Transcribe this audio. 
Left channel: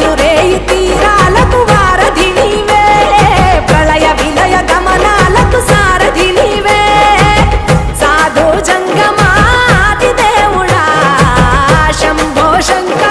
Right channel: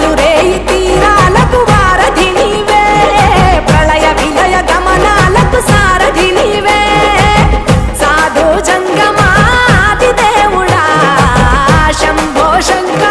పగలు రేయి తీరాలకు వారధి నీవే, ప్రళయ విలయ గమనాలకు సారథి నీవే, సాధు జంగమాది దేవుడా శంభో శంకర